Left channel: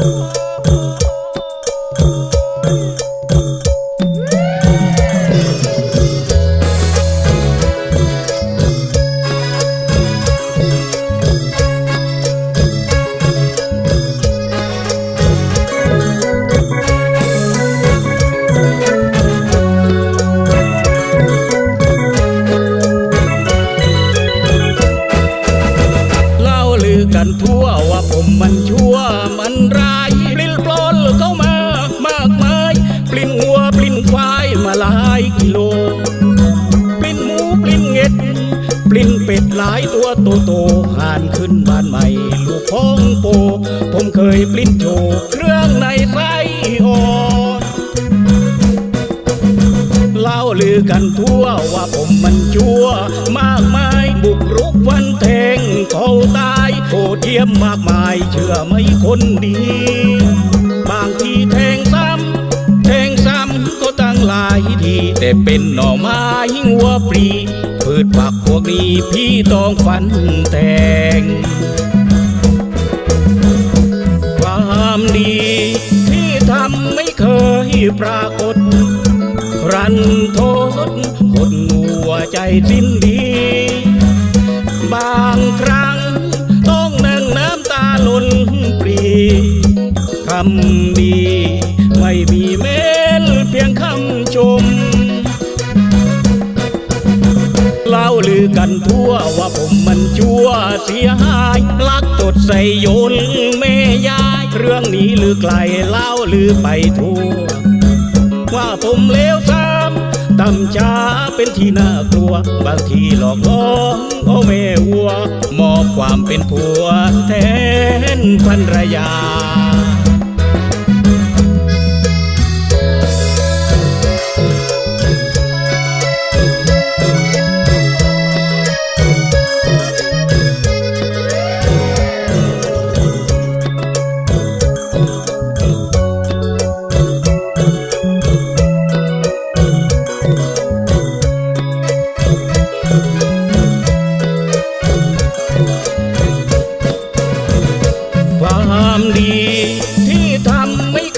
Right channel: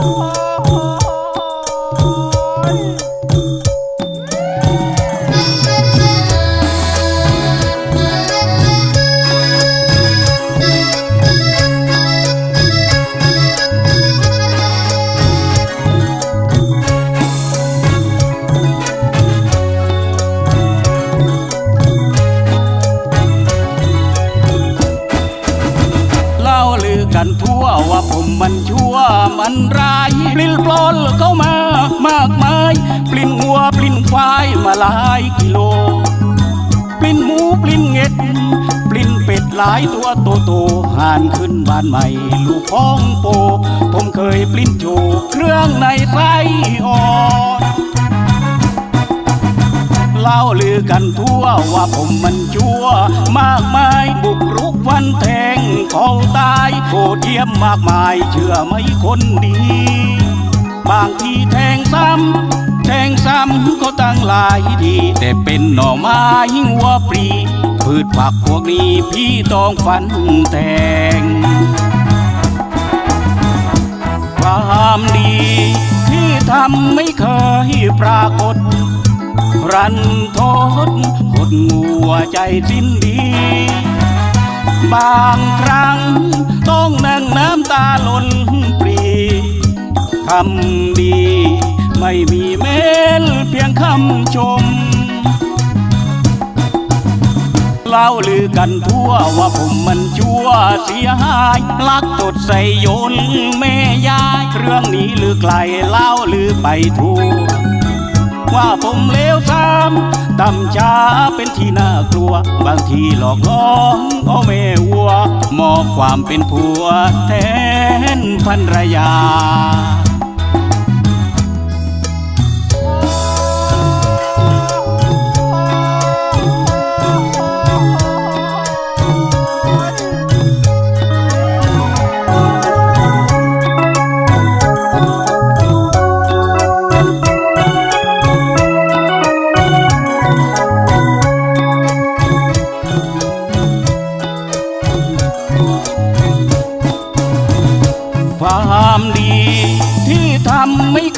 Oh. กันทั่วว่าผมมันชั่วมันร้ายปลิ้นปลอนเข้ามามากมาย ปลิ้นหัวปลิ้นควายมาหลายกิโล ปลิ้นหมูปลิ้นเง็ด ปลิ้นเป็ดหลายตัวโตโตหานขึ้นบ้านใหม่ ลูกพ้องโป ผมเคยปลิ้นโจเครื่องในไส้อ่อนเล่าลือกันทั่วว่าผมมันชั่วมากมาย โหดเยี่ยมมากมายเชื่อไหมคนดี บางทีแทงซ้ำแทงซ้ำก็ตั้งหลายที แต่เป็นหน่อไม้หัวปรีพืชผักพวกนี้พี่ต้องฟันแทง ความดีที่ทำไม่เคยปรากฏ รันโทษหดงัวใจสิ้นดี บางครั้ง ล่นปรีทำดี ไม่มีเม้นเพียงคำชม เล่าลือกันทั่วว่าผมมันชั่วเสียหาย ลักตดใส่โยนแม่ยาย เรื่องนี้ลือไกลเล่าลือไปทั่ว ว่าผมเลวซ้ำ ต่ำช้าเป็นที่น่ากลัว บางทีหลอกล่องเอาแม่วัว มอบความเป็นผัวแทนภรรยา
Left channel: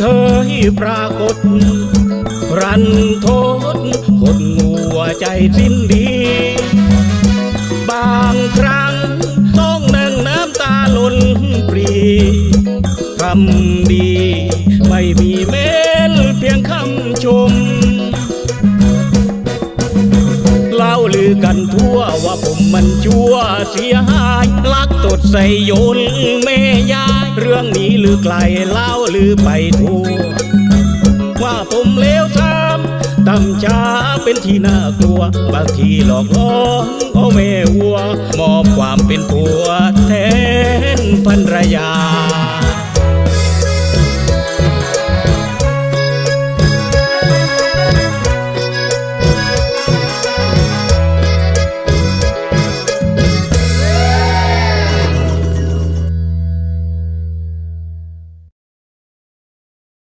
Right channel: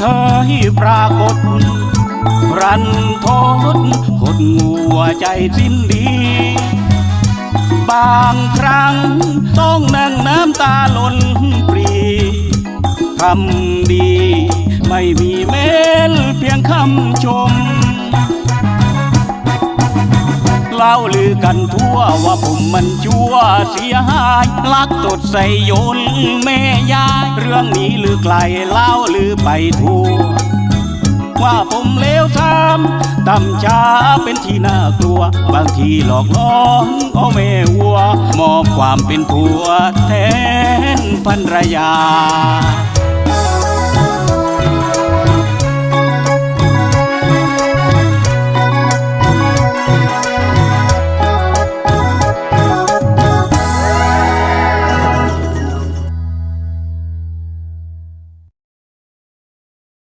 เคยปรากฏ รันทษหดงัวใจสิ้นดี บางครั้งต้องนั่งน้ำตาหล่นปรีคำดี ไม่มีเม้นเพียงคำชมเล่าลือกันทั่วว่าผมมันชั่วเสียหายลักตดใส่ยนแม่ยายเรือไกลเล่าหรือไปทั่วว่าผมเลวทามต่ำช้าเป็นที่น่ากลัว บางทีหลอกล้องเอแม่วัว มอบความเป็นผัวแทนภรรยา